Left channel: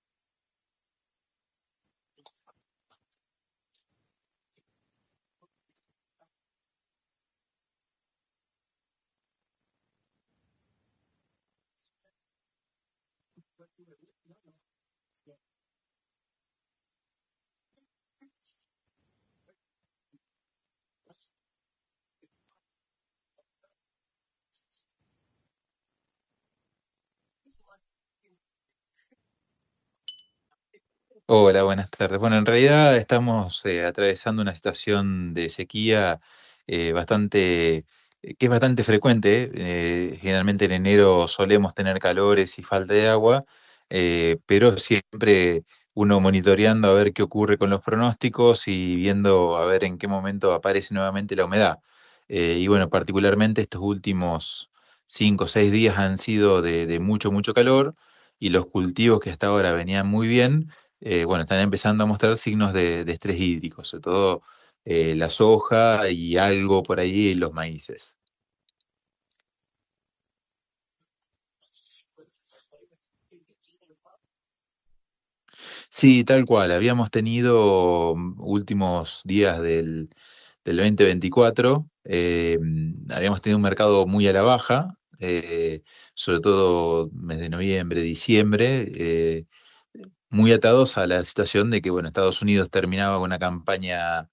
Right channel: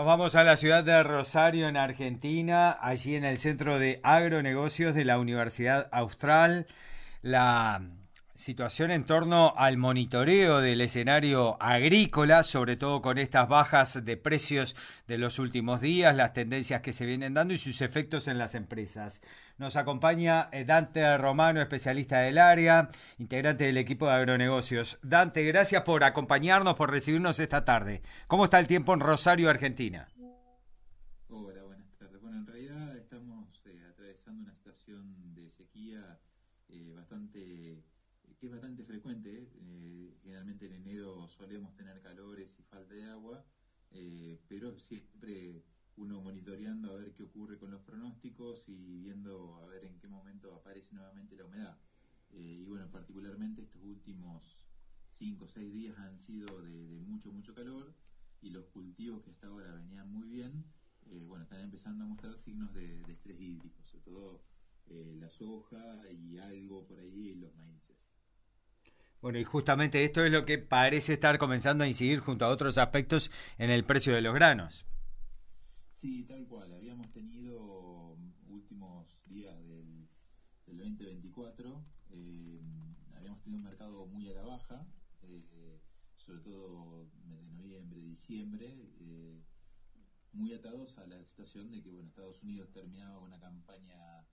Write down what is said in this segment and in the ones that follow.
Nos vamos a la ciudad de Rosario, en Argentina, allí en el Centro de Agronegocios de la Universidad Austral. La situación en torno al monitoreo del escenario agrícola, sobre todo con estas bajas de precios de los últimos días, las tendencias que se vienen dando y sus efectos en las empresas. Nos acompaña Dante Romano, especialista del área, integrante del equipo de agronegocios. Dante, gracias por acompañarnos, por recibirnos esta tarde. ¿Cómo está el tiempo en Rosario, Argentina? Hola, buenas tardes. Bueno, en realidad estamos atravesando una situación de sequía bastante, que es bastante frecuente. Generalmente en enero solemos tener calores y falta de agua, pero siempre uno monitoreando a ver qué ocurre con los pronósticos y viendo a ver en qué momento aparece nuevamente la humedad. Y bueno, particularmente estos últimos 5 o 6 días han sido de mucho, mucho calor y los cultivos que hasta ahora venían muy bien bueno, están empezando a mostrar signos de estrés hídrico, sobre todo la soja y algo por ahí los maíces. Bueno, y justamente esto es lo que parece estar comenzando a incidir junto a otros aspectos en el precio de los granos. Sí, tal cual, habíamos tenido últimos días del 2024, habíamos tenido un mercado muy a la baja, sobre todo mes de noviembre, diciembre, muy atados a la situación de que, bueno, Estados Unidos terminaba con una campaña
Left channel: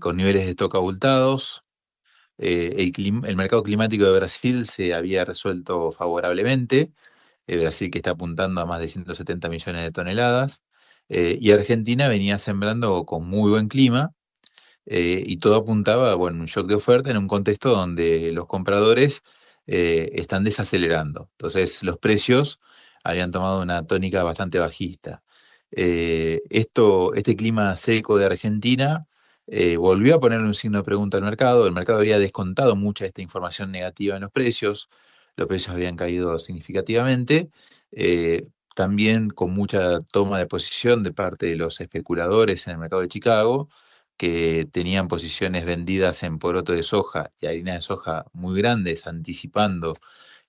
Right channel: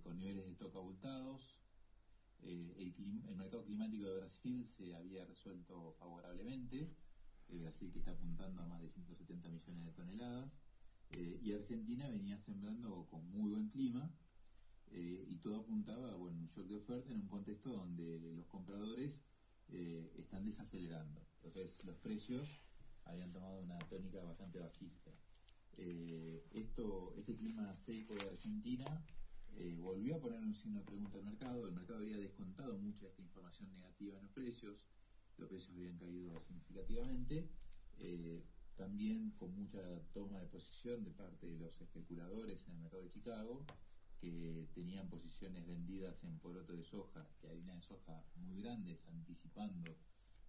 con niveles de stock abultados. El mercado climático de Brasil se había resuelto favorablemente. Brasil que está apuntando a más de 170 millones de toneladas. Y Argentina venía sembrando con muy buen clima. Y todo apuntaba, bueno, un shock de oferta en un contexto donde los compradores están desacelerando. Entonces los precios habían tomado una tónica bastante bajista. Este clima seco de Argentina volvió a ponerle un signo de pregunta al mercado. El mercado había descontado mucha de esta información negativa en los precios habían caído significativamente. También con mucha toma de posición de parte de los especuladores en el mercado de Chicago que tenían posiciones vendidas en poroto de soja y harina de soja muy grandes, anticipando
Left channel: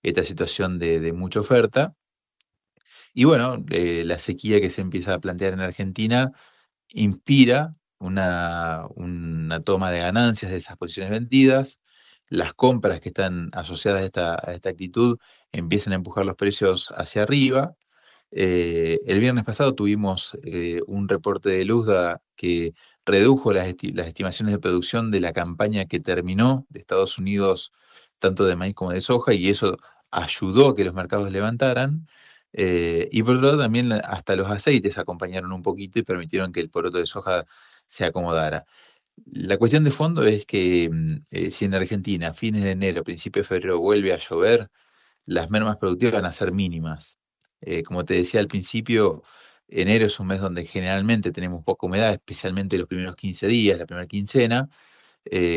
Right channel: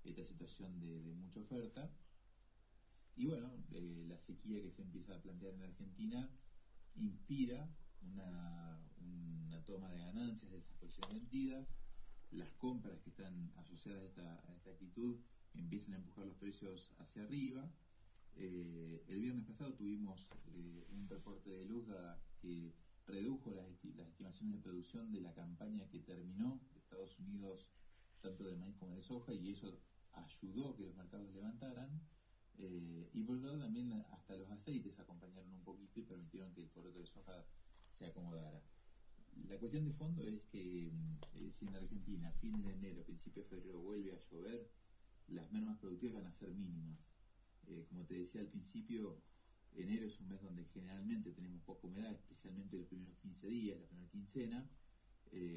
esta situación de mucha oferta. Y bueno, la sequía que se empieza a plantear en Argentina inspira una toma de ganancias de esas posiciones vendidas. Las compras que están asociadas a esta actitud empiezan a empujar los precios hacia arriba. El viernes pasado tuvimos un reporte de Luzda que redujo las estimaciones de producción de la campaña que terminó de Estados Unidos, tanto de maíz como de soja, y eso ayudó a que los mercados levantaran. Y por otro lado, también hasta los aceites acompañaron un poquito y permitieron que el poroto de soja se acomodara. La cuestión de fondo es que si en Argentina, a fines de enero, principio de febrero, vuelve a llover, las mermas productivas van a ser mínimas. Como te decía al principio, enero es un mes donde generalmente tenemos poca humedad, especialmente los primeros 15 días, la primera quincena,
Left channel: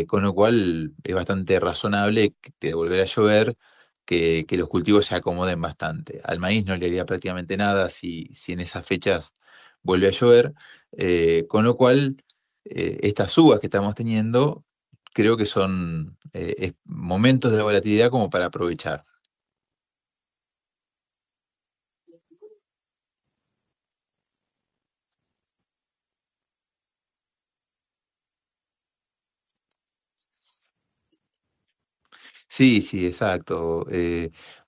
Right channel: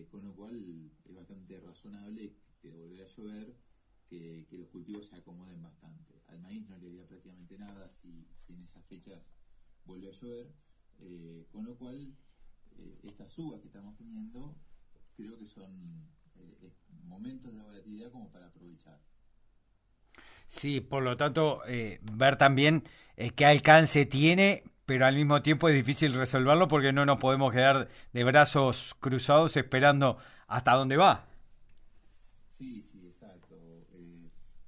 con lo cual es bastante razonable que de volver a llover, que los cultivos se acomoden bastante. Al maíz no le haría prácticamente nada si en esas fechas vuelve a llover, con lo cual estas uvas que estamos teniendo creo que son momentos de volatilidad como para aprovechar. Sí, por lo tanto, ver también qué alcance tiene, pero al mismo tiempo es difícil resolverlo porque no nos podemos quedar de brazos cruzados esperando hasta dónde va. Sí, sí, exacto.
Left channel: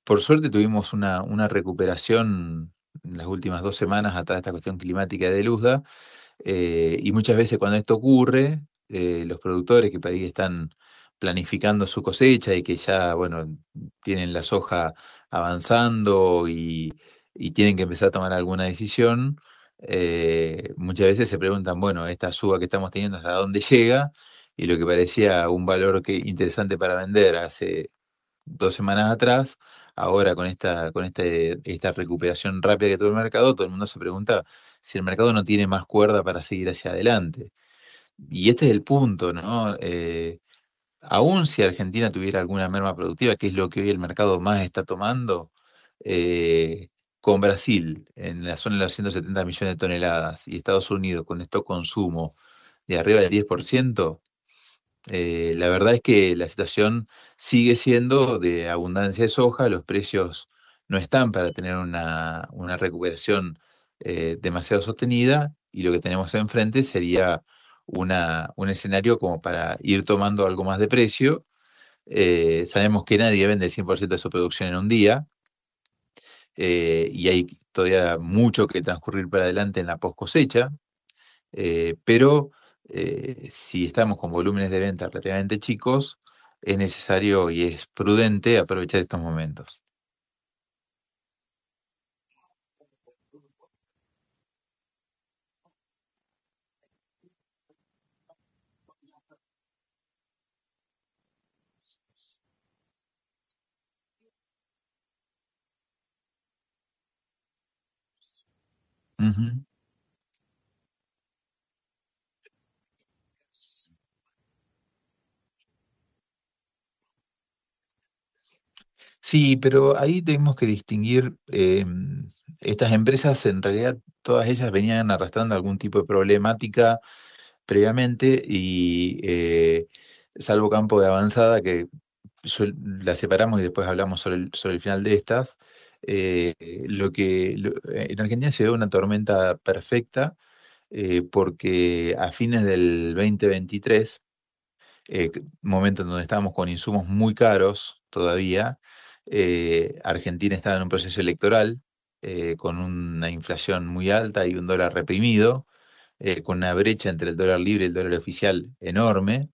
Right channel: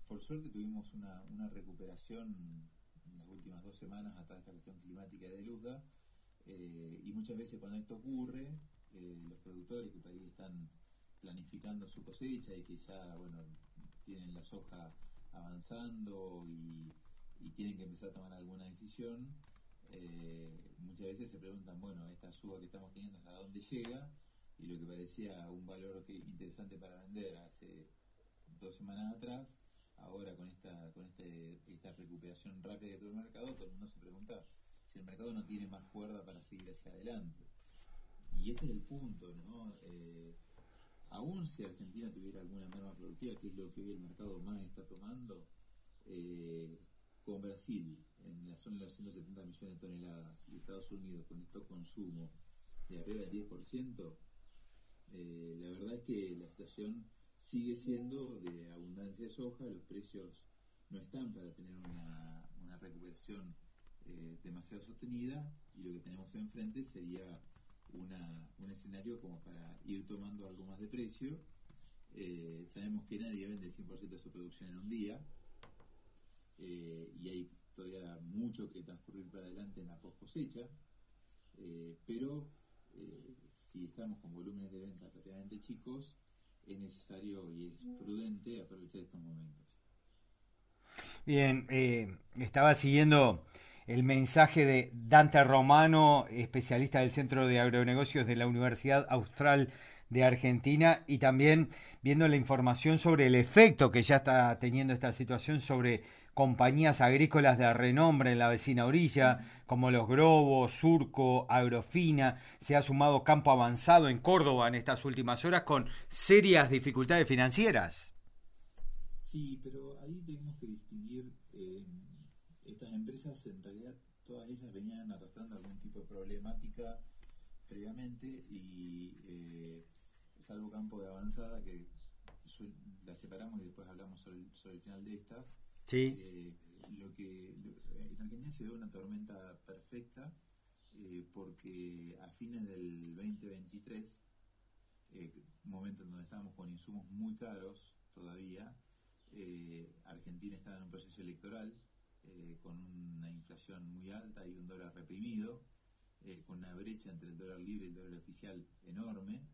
Por suerte tuvimos una recuperación en las últimas 2 semanas atrás de esta cuestión climática de Luzda, y muchas veces cuando esto ocurre, los productores que por ahí están planificando su cosecha y que ya, bueno, tienen la soja avanzando y tienen que empezar a tomar alguna decisión, muchas veces se preguntan, bueno, esta suba que estamos teniendo, ¿hasta dónde llega? Y lo que parecía un valor interesante para vender hace 2 semanas atrás, ahora con esta recuperación rápida que tuvo el mercado, todo el mundo se pregunta si el mercado no tiene más cuerda para seguir hacia adelante. Y este es el punto, ¿no? Aún si Argentina tuviera alguna merma productiva, que es lo que hoy el mercado más está tomando, con Brasil en la zona de los 170 millones de toneladas y Estados Unidos con esto consumo de arriba del 10%. La verdad es que la situación sigue siendo de abundancia de soja, los precios no están para tener una recuperación demasiado sostenida y lo que tenemos enfrente sería un escenario como para ir tomando algo más de precio. Sabemos que nadie vende el 100% de su producción en un día, y hay todavía mucho que transcurrir para adelante en la post cosecha, pero si estamos con volúmenes de venta relativamente chicos, es necesario y es prudente aprovechar estos momentos. Bien, estaba siguiendo el mensaje de Dante Romano, especialista del Centro de Agronegocios de la Universidad Austral de Argentina, y también viendo la información sobre el efecto que ya está teniendo esta situación sobre compañías agrícolas de renombre en la vecina orilla, Ujú. como los Grobos, Surco, Agrofina. Se ha sumado Campo Avanzado en Córdoba en estas últimas horas con serias dificultades financieras. Sí, pero ahí tenemos que distinguir, estas empresas en realidad todas ellas venían arrastrando algún tipo de problemática previamente y salvo Campo de Avanzada, que la separamos y después hablamos sobre el final de estas, Sí. en Argentina se ve una tormenta perfecta, porque a fines del 2023, momento en donde estábamos con insumos muy caros todavía, Argentina estaba en un proceso electoral, con una inflación muy alta y un dólar reprimido, con una brecha entre el dólar libre y el dólar oficial enorme,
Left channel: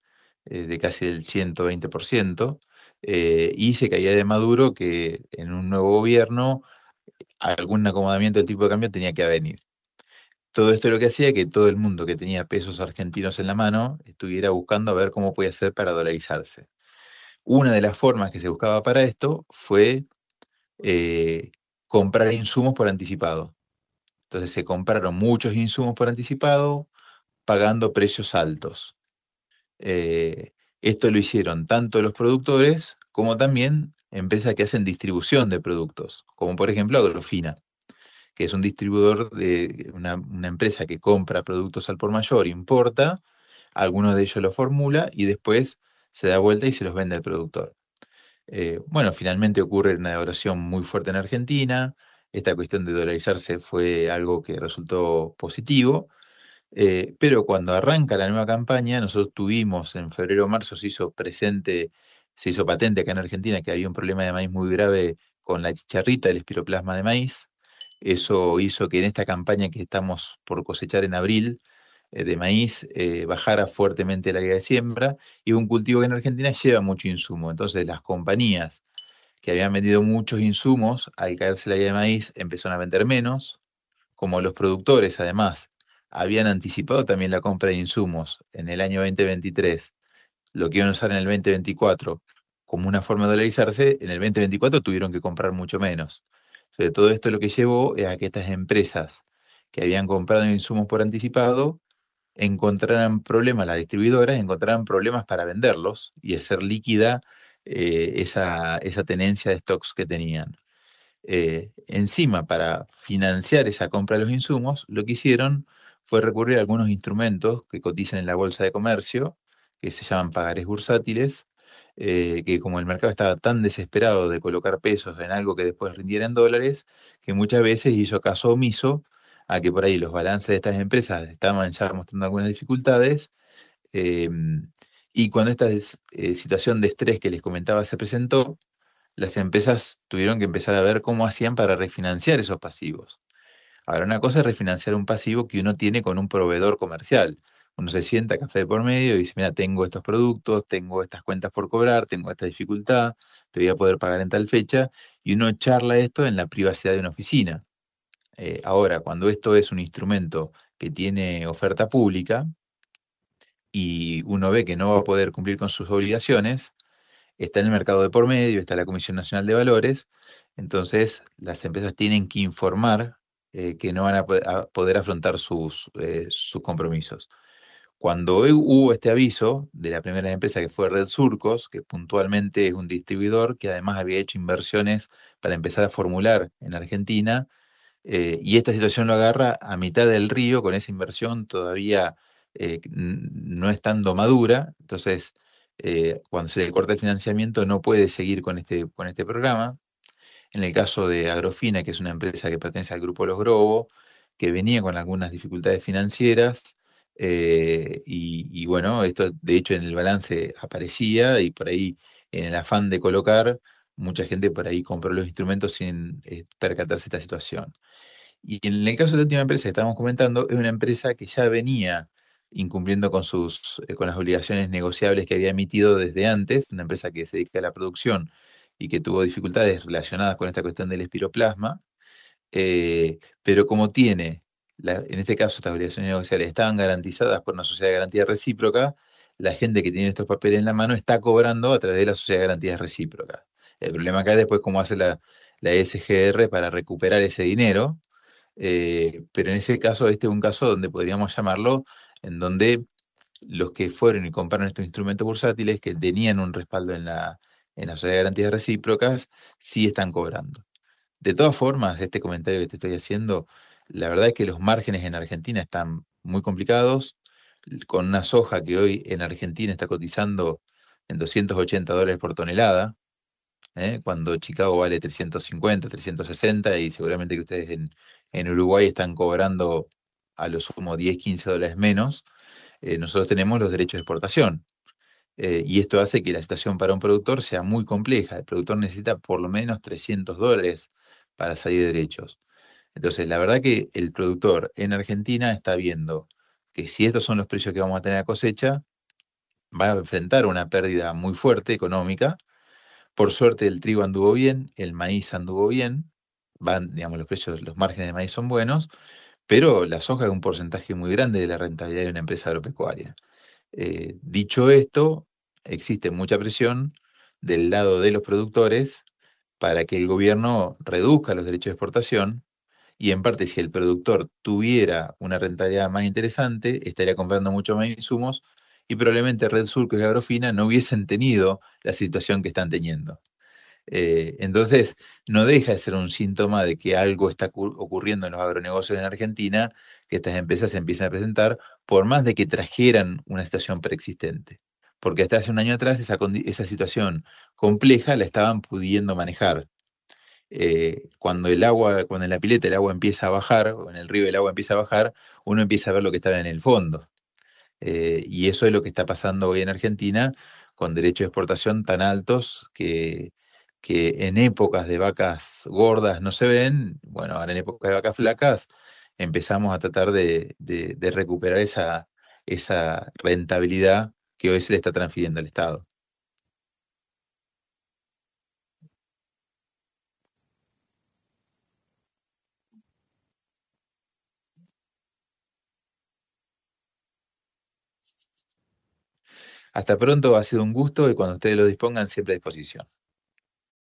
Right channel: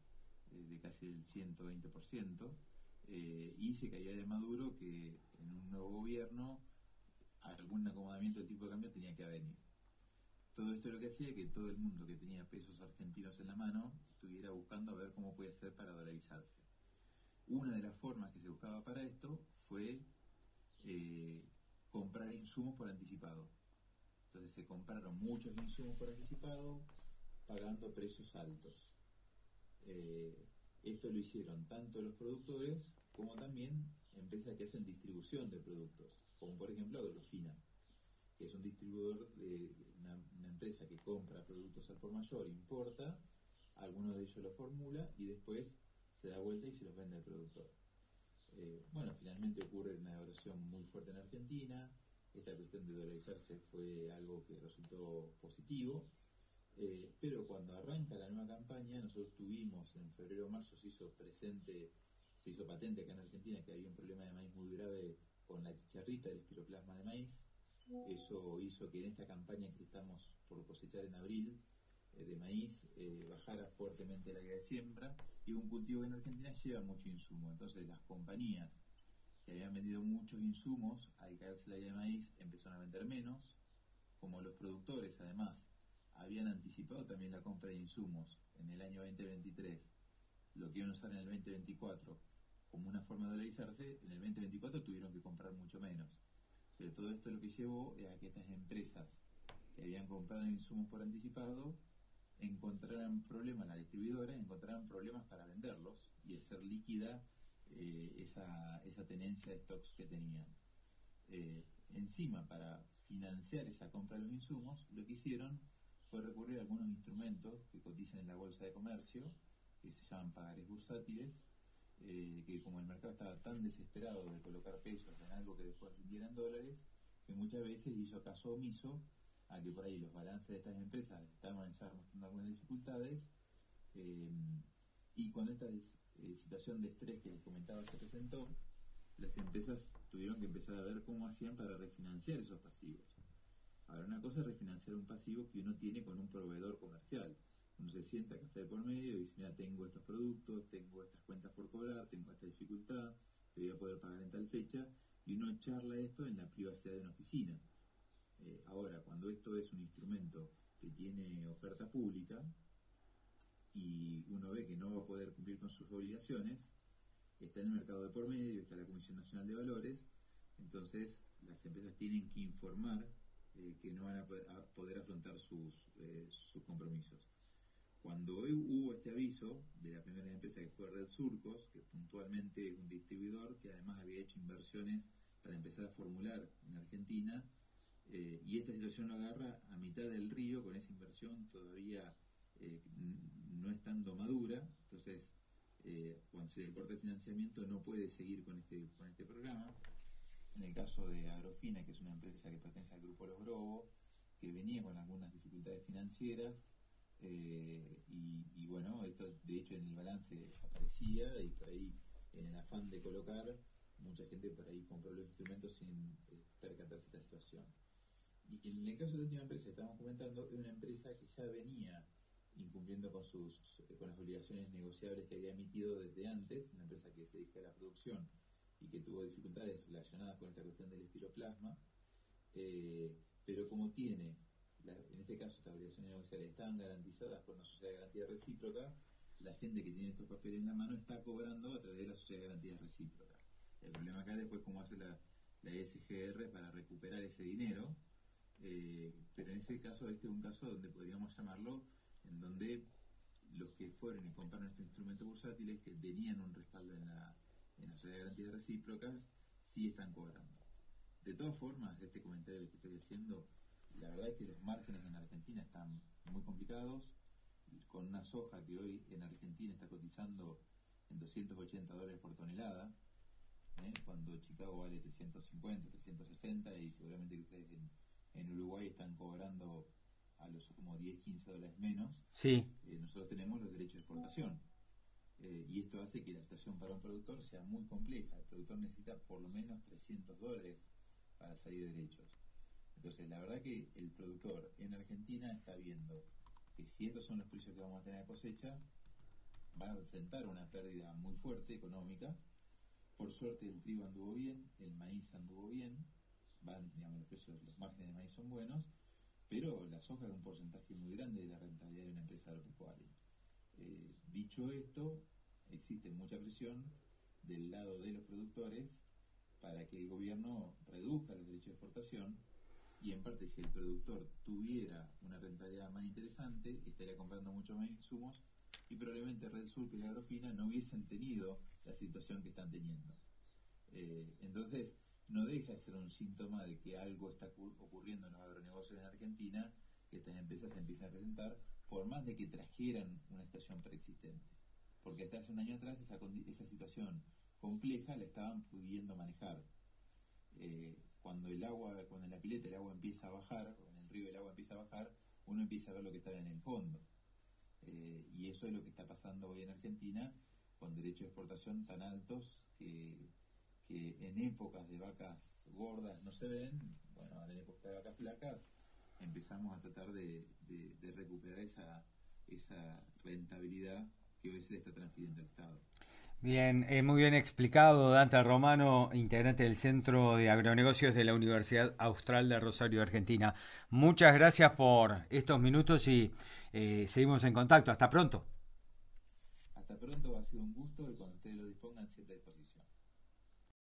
de casi el 120%, y se caía de Maduro que en un nuevo gobierno algún acomodamiento del tipo de cambio tenía que venir. Todo esto lo que hacía que todo el mundo que tenía pesos argentinos en la mano estuviera buscando a ver cómo podía hacer para dolarizarse. Una de las formas que se buscaba para esto fue eh, comprar insumos por anticipado. Entonces se compraron muchos insumos por anticipado, pagando precios altos. Esto lo hicieron tanto los productores como también empresas que hacen distribución de productos, como por ejemplo Agrofina, que es un distribuidor de una empresa que compra productos al por mayor, importa, algunos de ellos los formula y después se da vuelta y se los vende al productor. Bueno, finalmente ocurre una devaluación muy fuerte en Argentina. Esta cuestión de dolarizarse fue algo que resultó positivo, pero cuando arranca la nueva campaña, nosotros tuvimos en febrero o marzo, se hizo patente acá en Argentina que había un problema de maíz muy grave con la chicharrita, el espiroplasma de maíz. Eso hizo que en esta campaña que estamos por cosechar en abril, de maíz, bajara fuertemente la área de siembra, y un cultivo que en Argentina lleva mucho insumo. Entonces las compañías que habían vendido muchos insumos, al caerse la área de maíz, empezaron a vender menos. Como los productores, además, habían anticipado también la compra de insumos en el año 2023, lo que iban a usar en el 2024 como una forma de dolarizarse, en el 2024 tuvieron que comprar mucho menos. Sobre todo esto lo que llevó es a que estas empresas que habían comprado insumos por anticipado encontraran problemas, las distribuidoras encontraran problemas para venderlos y hacer líquida, esa tenencia de stocks que tenían. Encima, para financiar esa compra de los insumos, lo que hicieron fue recurrir a algunos instrumentos que cotizan en la bolsa de comercio, que se llaman pagarés bursátiles, que como el mercado estaba tan desesperado de colocar pesos en algo que después rindiera en dólares, que muchas veces hizo caso omiso a que por ahí los balances de estas empresas estaban ya mostrando algunas dificultades, eh, y cuando esta situación de estrés que les comentaba se presentó, las empresas tuvieron que empezar a ver cómo hacían para refinanciar esos pasivos. Ahora, una cosa es refinanciar un pasivo que uno tiene con un proveedor comercial. Uno se sienta café de por medio y dice, mira, tengo estos productos, tengo estas cuentas por cobrar, tengo esta dificultad, te voy a poder pagar en tal fecha, y uno charla esto en la privacidad de una oficina. Ahora, cuando esto es un instrumento que tiene oferta pública y uno ve que no va a poder cumplir con sus obligaciones, está en el mercado de por medio, está la Comisión Nacional de Valores, entonces las empresas tienen que informar, que no van a poder afrontar sus compromisos. Cuando hubo este aviso de la primera empresa, que fue Red Surcos, que puntualmente es un distribuidor que además había hecho inversiones para empezar a formular en Argentina, y esta situación lo agarra a mitad del río con esa inversión todavía, no estando madura. Entonces, cuando se le corta el financiamiento no puede seguir con este programa. En el caso de Agrofina, que es una empresa que pertenece al grupo Los Grobo, que venía con algunas dificultades financieras, y bueno, esto de hecho en el balance aparecía y por ahí en el afán de colocar, mucha gente por ahí compró los instrumentos sin percatarse de esta situación. Y en el caso de la última empresa que estábamos comentando, es una empresa que ya venía incumpliendo con con las obligaciones negociables que había emitido desde antes, una empresa que se dedica a la producción y que tuvo dificultades relacionadas con esta cuestión del espiroplasma, pero como tiene, en este caso estas obligaciones negociables estaban garantizadas por una sociedad de garantía recíproca, la gente que tiene estos papeles en la mano está cobrando a través de la sociedad de garantías recíprocas. El problema acá es después cómo hace la SGR para recuperar ese dinero, pero en ese caso, este es un caso donde podríamos llamarlo, en donde los que fueron y compraron estos instrumentos bursátiles que tenían un respaldo en la sociedad de garantías recíprocas, sí están cobrando. De todas formas, este comentario que te estoy haciendo, la verdad es que los márgenes en Argentina están muy complicados, con una soja que hoy en Argentina está cotizando en $280 por tonelada, cuando Chicago vale 350, 360 y seguramente que ustedes en Uruguay están cobrando a lo sumo 10, $15 menos. Sí. Nosotros tenemos los derechos de exportación. Y esto hace que la situación para un productor sea muy compleja. El productor necesita por lo menos $300 para salir de derechos. Entonces, la verdad que el productor en Argentina está viendo que si estos son los precios que vamos a tener a cosecha, va a enfrentar una pérdida muy fuerte económica. Por suerte el trigo anduvo bien, el maíz anduvo bien, digamos, los precios, los márgenes de maíz son buenos, pero la soja es un porcentaje muy grande de la rentabilidad de una empresa agropecuaria. Dicho esto, existe mucha presión del lado de los productores para que el gobierno reduzca los derechos de exportación y en parte si el productor tuviera una rentabilidad más interesante, estaría comprando mucho más insumos y probablemente Red Surco y Agrofina no hubiesen tenido la situación que están teniendo. Entonces, no deja de ser un síntoma de que algo está ocurriendo en los agronegocios en Argentina, que estas empresas se empiezan a presentar, por más de que trajeran una situación preexistente. Porque hasta hace un año atrás esa situación compleja la estaban pudiendo manejar. Cuando cuando en la pileta el agua empieza a bajar, o en el río el agua empieza a bajar, uno empieza a ver lo que estaba en el fondo. Y eso es lo que está pasando hoy en Argentina, con derechos de exportación tan altos que en épocas de vacas gordas no se ven. Bueno, ahora en épocas de vacas flacas empezamos a tratar de recuperar esa rentabilidad que hoy se le está transfiriendo al Estado. Bien, muy bien explicado, Dante Romano, integrante del Centro de Agronegocios de la Universidad Austral de Rosario, Argentina. Muchas gracias por estos minutos y seguimos en contacto. Hasta pronto. Hasta pronto, ha sido un gusto y cuando ustedes lo dispongan, siempre a disposición.